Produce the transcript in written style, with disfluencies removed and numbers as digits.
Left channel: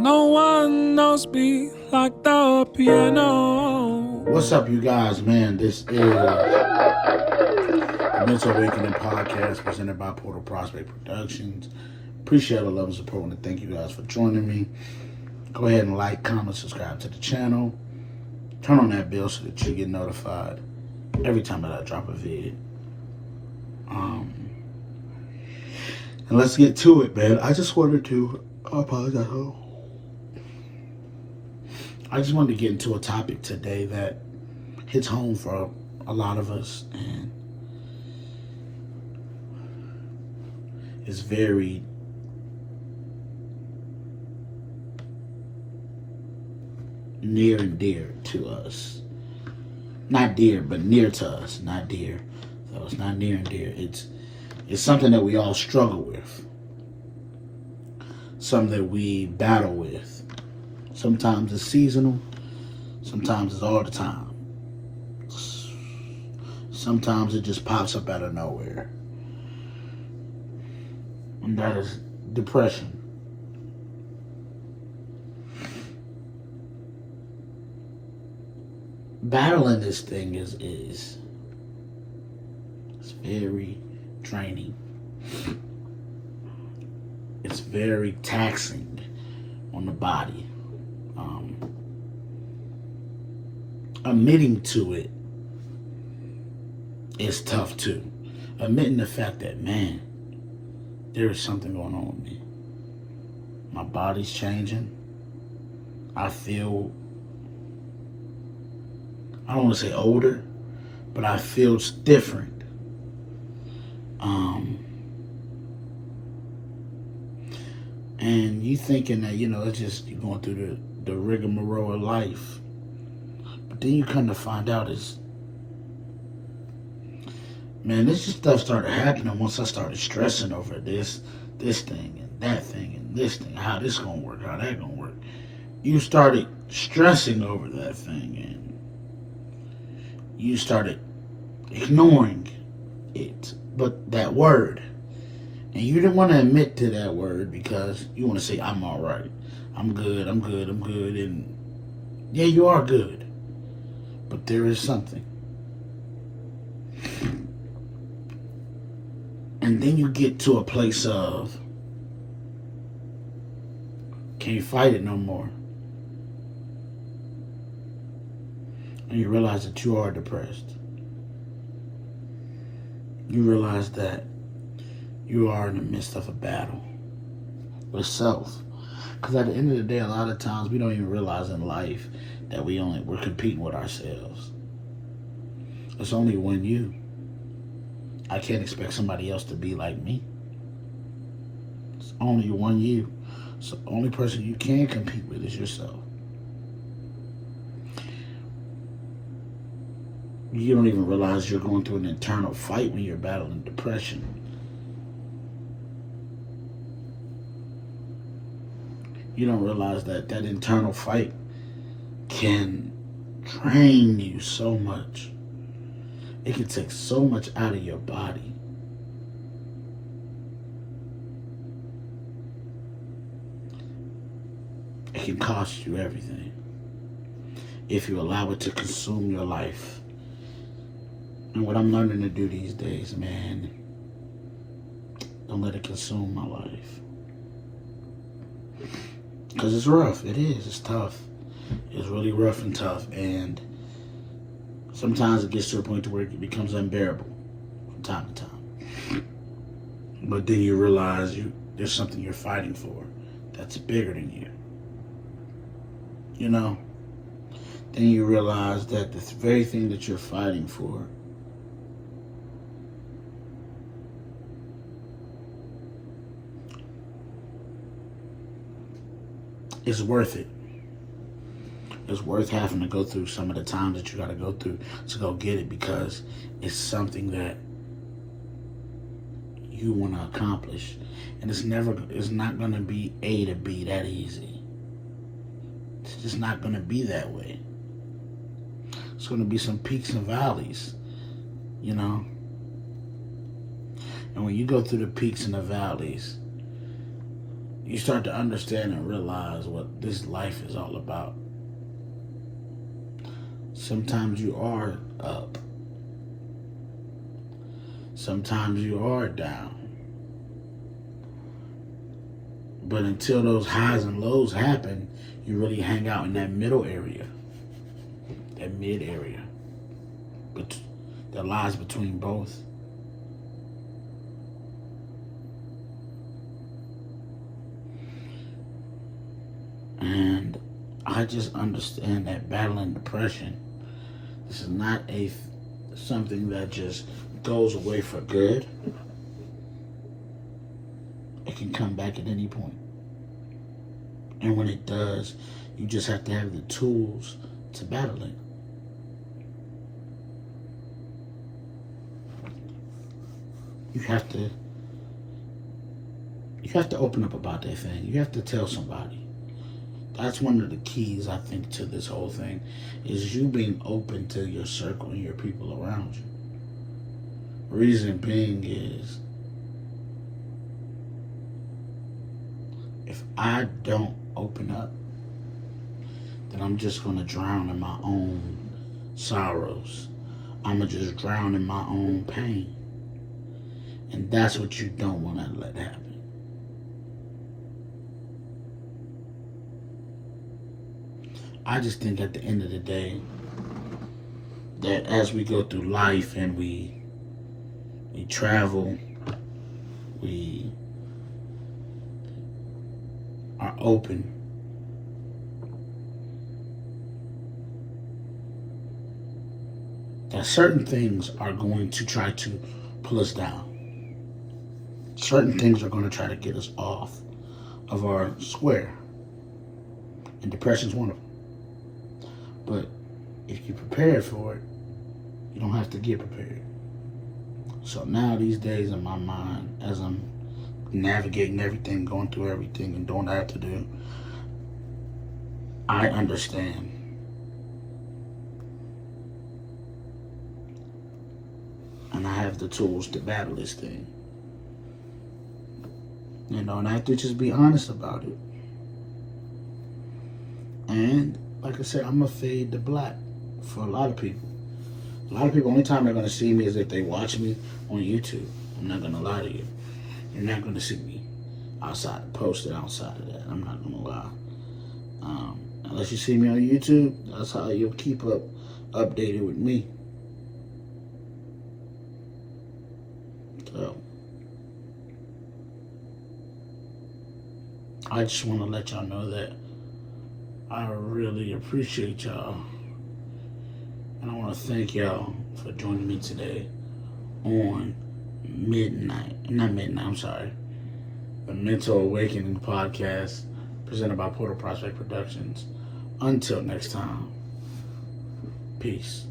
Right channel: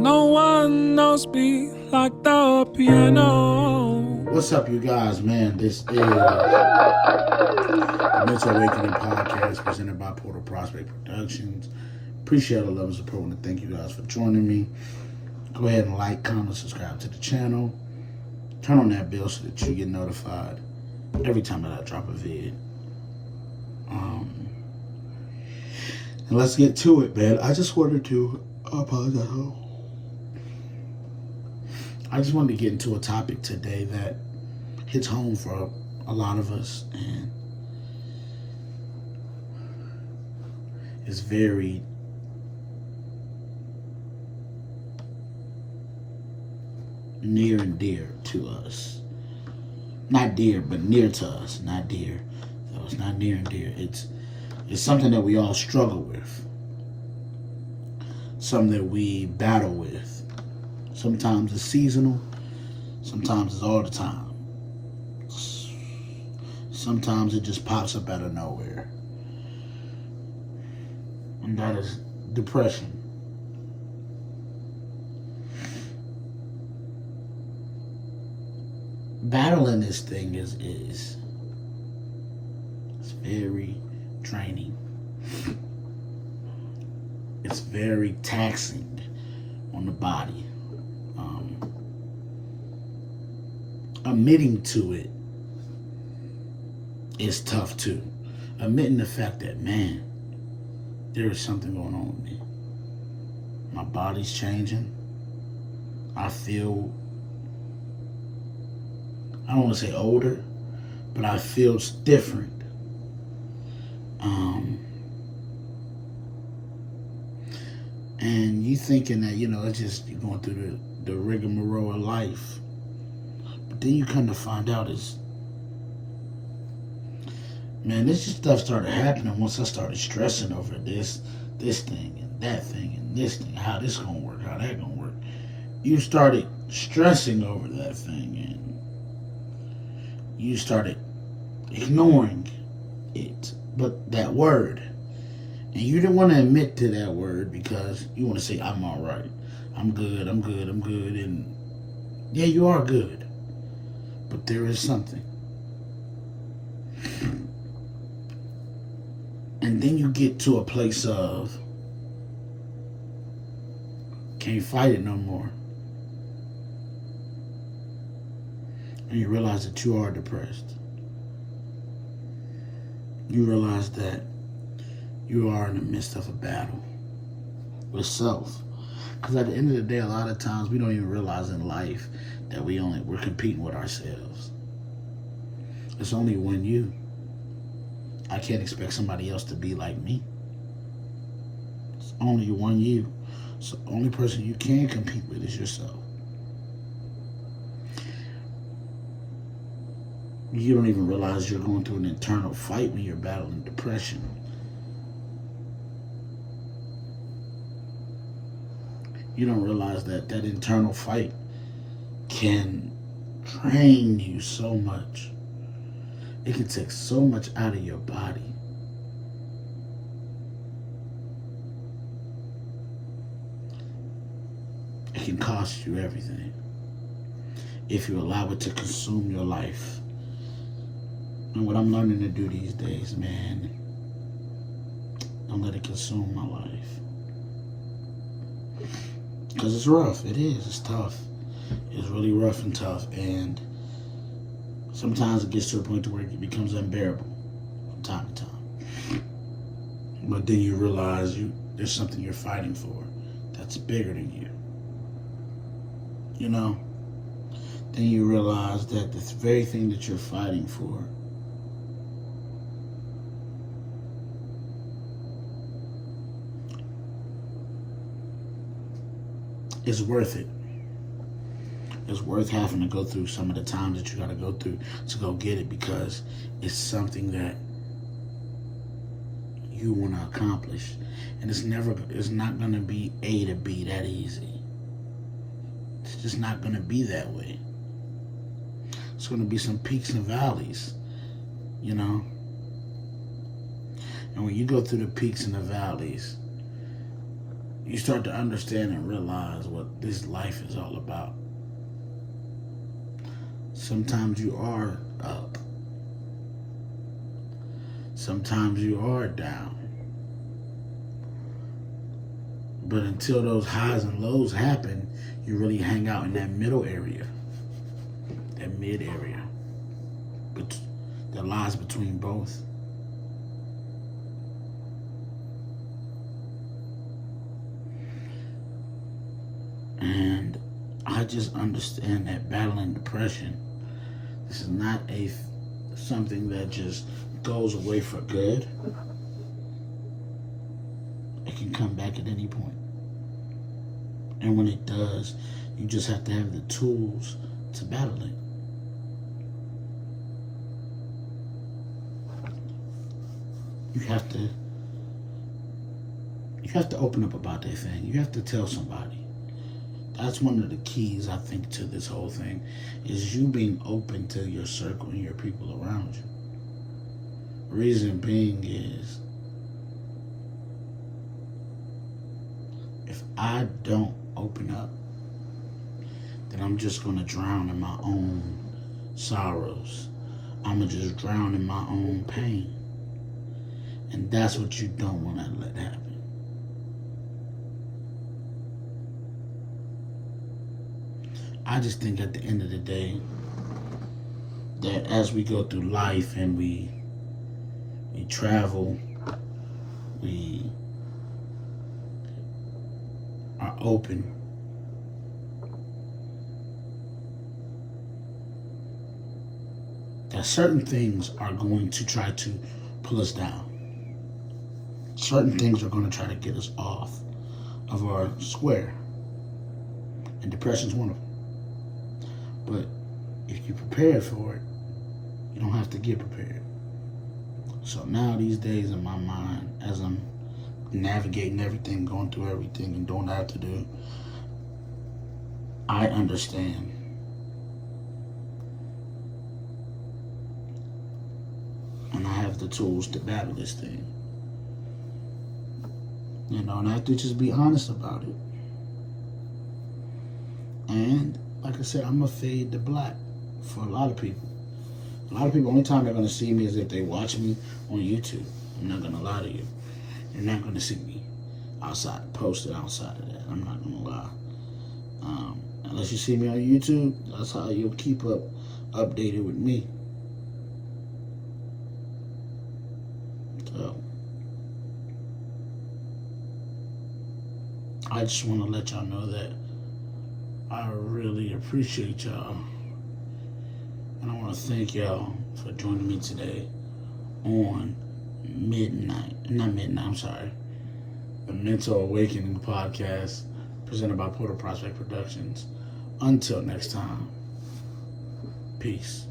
No one knows me like the piano. What's up, you guys, man? This is the Mental Awakening Podcast presented by Portal Prospect Productions. Appreciate the love and support. I want to thank you guys for joining me. Go ahead and like, comment, subscribe to the channel. Turn on that bell so that you get notified every time that I drop a vid. And let's get to it, man. I just wanted to apologize. I just wanted to get into a topic today that hits home for a lot of us and is very near and dear to us. Not dear, but near to us. Not dear. So it's not near and dear. It's something that we all struggle with. Something that we battle with. Sometimes it's seasonal. Sometimes it's all the time. Sometimes it just pops up out of nowhere. And that is depression. Battling this thing is it's very draining. It's very taxing on the body. Admitting to it is tough too. Admitting the fact that, man, there is something going on with me. My body's changing. I feel, I don't want to say older, but I feel different. And you thinking that, it's just you're going through the rigmarole of life. But then you come to find out this just stuff started happening once I started stressing over this thing and that thing and this thing, how this gonna work, how that gonna work. You started stressing over that thing and you started ignoring it. But that word, and you didn't want to admit to that word because you want to say, I'm all right. I'm good. And yeah, you are good. But there is something. And then you get to a place of can't fight it no more. And you realize that you are depressed. You realize that you are in the midst of a battle with self. Because at the end of the day, a lot of times we don't even realize in life that we're competing with ourselves. It's only one you. I can't expect somebody else to be like me. It's only one you. So the only person you can compete with is yourself. You don't even realize you're going through an internal fight when you're battling depression. You don't realize that internal fight can drain you so much. It can take so much out of your body. It can cost you everything if you allow it to consume your life. And what I'm learning to do these days, man, don't let it consume my life. Because it's rough. It is. It's tough. It's really rough and tough. And sometimes it gets to a point to where it becomes unbearable from time to time. But then you realize there's something you're fighting for that's bigger than you. Then you realize that the very thing that you're fighting for is worth it. It's worth having to go through some of the times that you got to go through to go get it because it's something that you want to accomplish. And it's not going to be A to B that easy. It's just not going to be that way. It's going to be some peaks and valleys, And when you go through the peaks and the valleys, you start to understand and realize what this life is all about. Sometimes you are up. Sometimes you are down. But until those highs and lows happen, you really hang out in that middle area, that mid area, but that lies between both. And I just understand that battling depression, this is not something that just goes away for good. It can come back at any point. And when it does, you just have to have the tools to battle it. You have to open up about that thing. You have to tell somebody. That's one of the keys, I think, to this whole thing, is you being open to your circle and your people around you. Reason being is, if I don't open up, then I'm just going to drown in my own sorrows. I'm going to just drown in my own pain. And that's what you don't want to let happen. I just think at the end of the day, that as we go through life and we travel, we are open, that certain things are going to try to pull us down. Certain things are going to try to get us off of our square. And depression's one of them. But if you're prepared for it, you don't have to get prepared. So now these days in my mind, as I'm navigating everything, going through everything, and doing what I have to do, I understand. And I have the tools to battle this thing. And I have to just be honest about it. And like I said, I'm going to fade to black for a lot of people. A lot of people, only time they're going to see me is if they watch me on YouTube. I'm not going to lie to you. You're not going to see me posted outside of that. I'm not going to lie. Unless you see me on YouTube, that's how you'll keep updated with me. So, I just want to let y'all know that I really appreciate y'all. And I want to thank y'all for joining me today on the Mental Awakening Podcast presented by Portal Prospect Productions. Until next time, peace.